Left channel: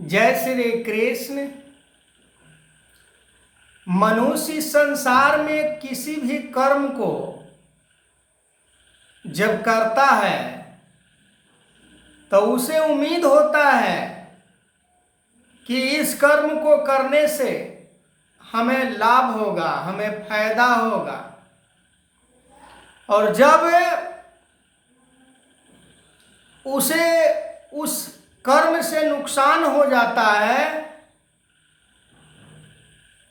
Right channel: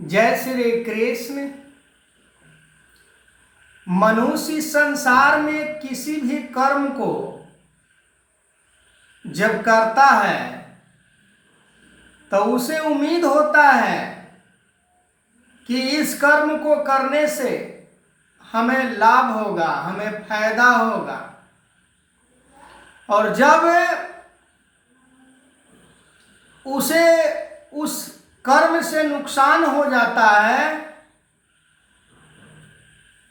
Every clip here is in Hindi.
जय श्री कृष्ण। मनुष्य संसार में किसी भी कर्म को जब करता है तो उसे उम्मीद होता है कि इस कर्म को करने से हमें लाभ होगा, हमें फायदा होगा। और जब उसे उस कर्म से नुकसान हो जाता है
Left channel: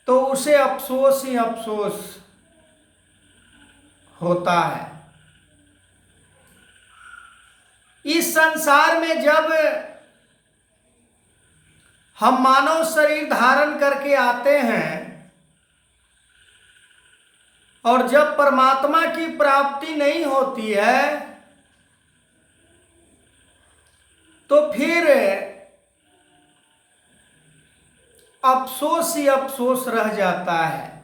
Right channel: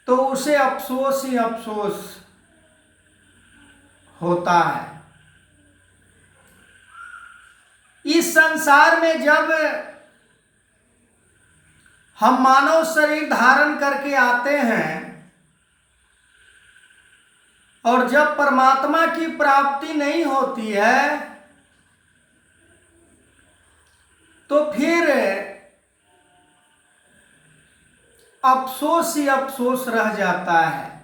तो उसे अफसोस ही अफसोस होता है। इस संसार में जब हम मानव शरीर धारण करके आते हैं और जब परमात्मा की प्राप्ति नहीं होती है तो फिर अफसोस ही अफसोस रह जाता है।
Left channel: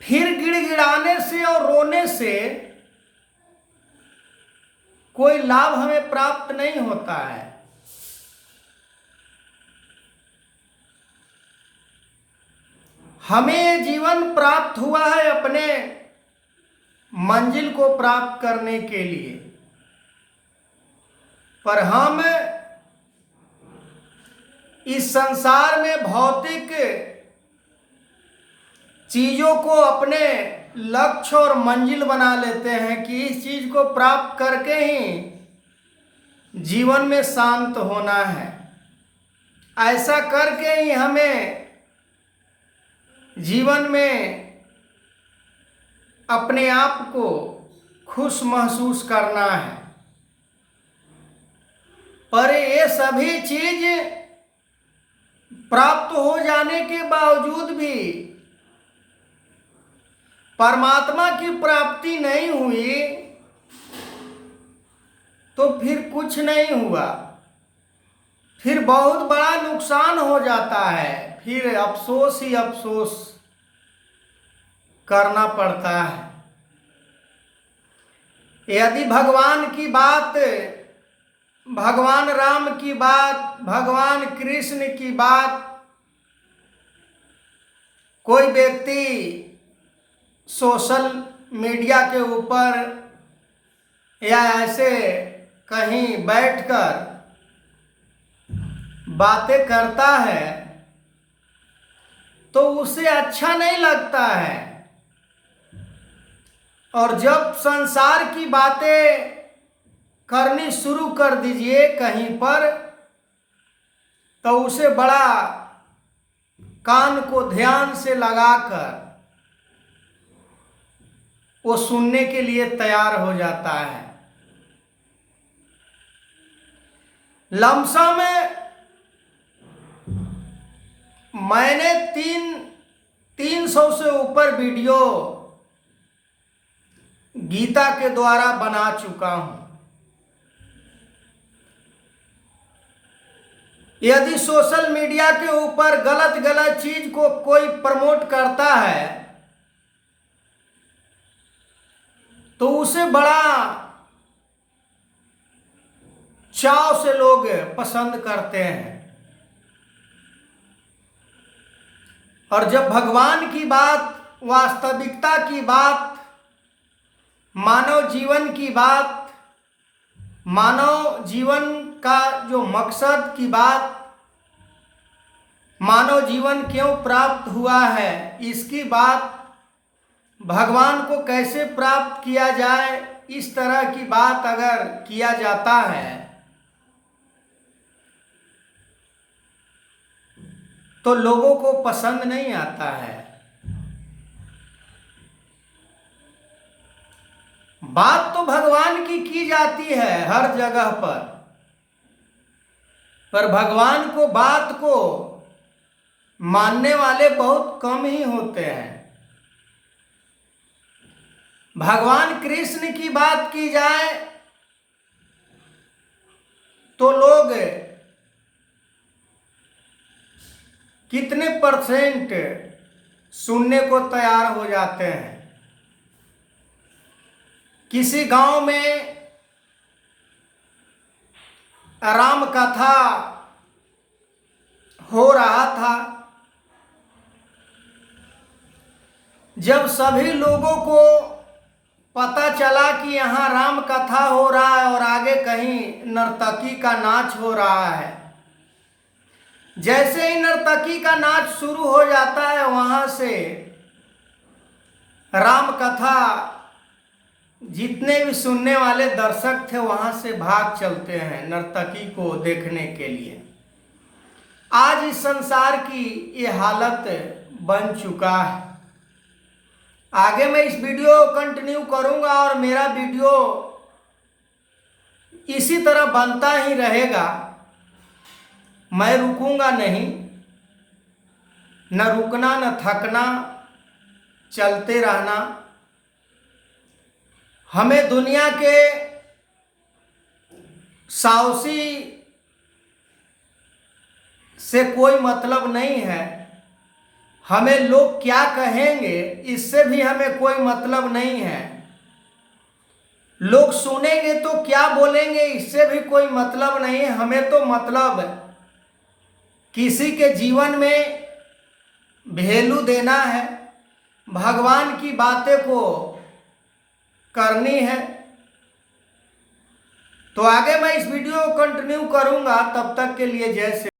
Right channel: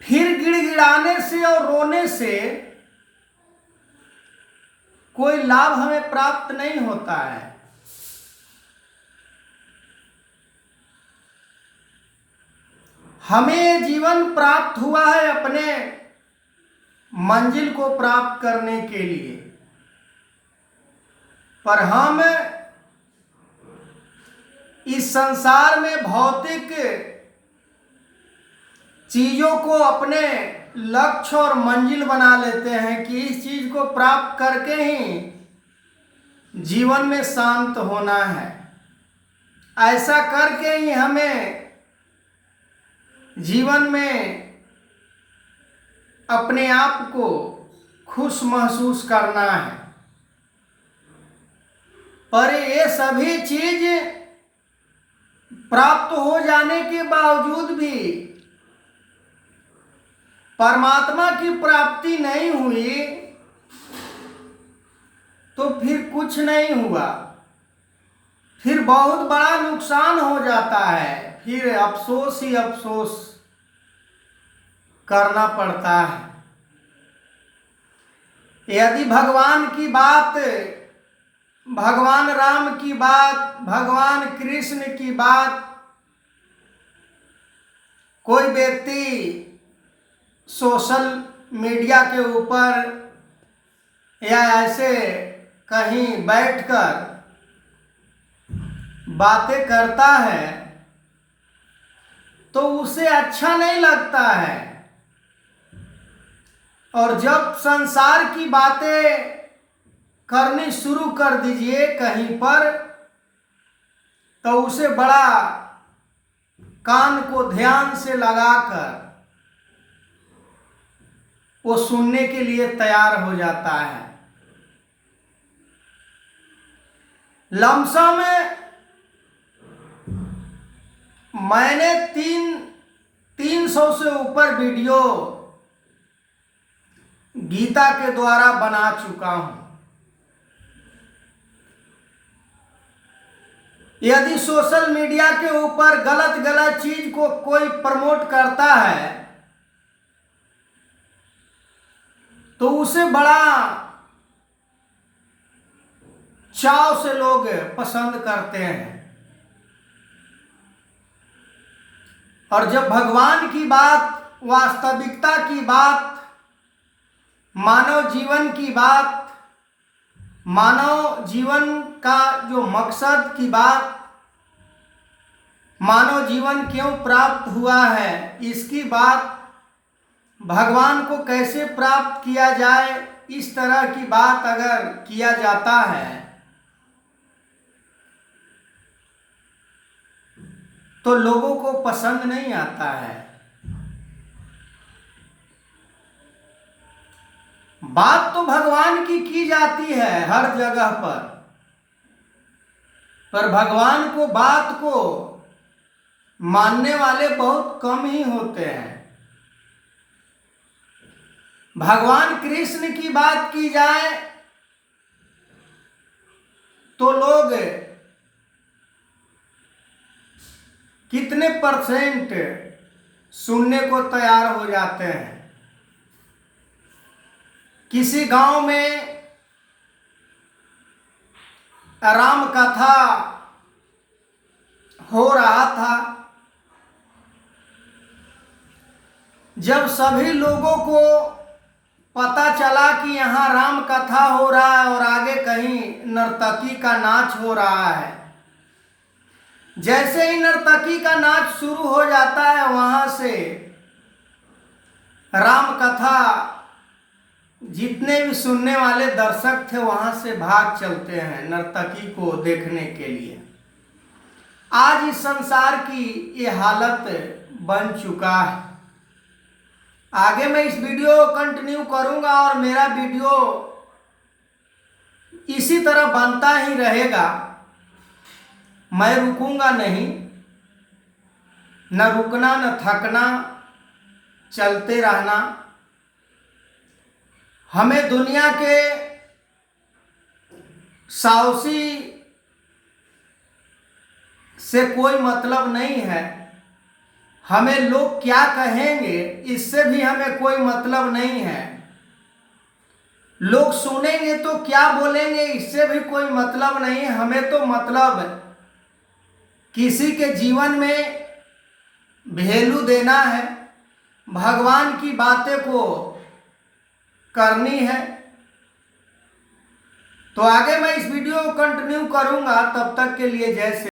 फिर गिड़गिड़ाने से और रोने से कोई लाभ हमें प्राप्त नहीं होता है। हमें जीवन प्राप्त हुआ है अपने मंजिल को प्राप्त करने के लिए, पर हम इस संसार में भौतिक चीजों को अपने लक्ष्य और मंजिल बना लेते हैं कि इस चीज को प्राप्त करके ही जीवन में शांत होना है। ऐसा करके ही हमें जीवन में अपने आप को खुश महसूस करना है। पर ये सभी चीज प्राप्त हो जाने के बावजूद भी परमात्मा की प्राप्ति नहीं हुई तो फिर कुछ नहीं हुआ, फिर बहुत बड़ा नुकसान हो जाता है। फिर अफसोस ही अफसोस करना पड़ता है। यदि भगवान की बात, भगवान राम की बात, भगवान कृष्ण की बात कोई व्यक्ति सोशल मीडिया के ऊपर या ऐसे कहीं बैठकर बातें करता है तो उसे अच्छा नहीं लगता है। और जब संसार की बातें करनी शुरू कर दीजिए कहीं पर तो उसे बड़ा कान को ध्यान से लगाकर वो सुनने के लिए तैयार हो जाता है। लमसम मैंने 300 से ऊपर वीडियो गीता के द्वारा बना चुका हूं। यदि सोशल मीडिया के ऊपर गलत गलत चीज को कोई प्रमोट करता है तो उसे बड़ा चाव से लोग पसंद करते हैं। और जब भगवान की बात, वास्तविकता की बात, मानव जीवन की बात, मानव जीवन का जो मकसद की बात, मानव जीवन क्यों प्राप्त हुआ है इसकी बात, भगवान को कैसे प्राप्त किया जाए, इस तरह की बात अगर किया जाता है तो लोगों को पसंद नहीं आता है। बात तो भगवान की जाती है हर जगह पर भगवान को बात को मानने वाले बहुत कम ही होते हैं। भगवान कृष्ण की बात की जाए तो लोग कितने परसेंट सुनने को तैयार हो जाते हैं। किसी गांव में राम कथा हो रहा था। जब सभी लोगों को पता चला कि यहाँ राम कथा हो रहा है और आगे कहीं नर्तकी का नाच हो रहा है, जैसे ही नर्तकी का नाच शुरू हो जाता है, वहाँ से राम कथा जितने भी सुनने वाले दर्शक थे वहाँ से भाग चलते हैं नर्तकी को देखने के लिए। आज इस संसार की ये हालत बन चुका है। आगे मैं इस वीडियो को कंटिन्यू करूंगा और मेरा वीडियो इसी तरह बनता ही रहेगा। मैं रुकूंगा नहीं, न रुकना न थकना, चलते रहना। हमें दुनिया के साहसी से कोई मतलब नहीं है। हमें लोग क्या कहेंगे इससे भी हमें कोई मतलब नहीं है। लोग सुनेंगे तो क्या बोलेंगे इससे भी कोई मतलब नहीं है। हमें तो मतलब किसी के जीवन में वैल्यू देना है, भगवान की बातें को करनी है। तो आगे मैं इस वीडियो को कंटिन्यू करूंगा। तब तक के लिए जय श्री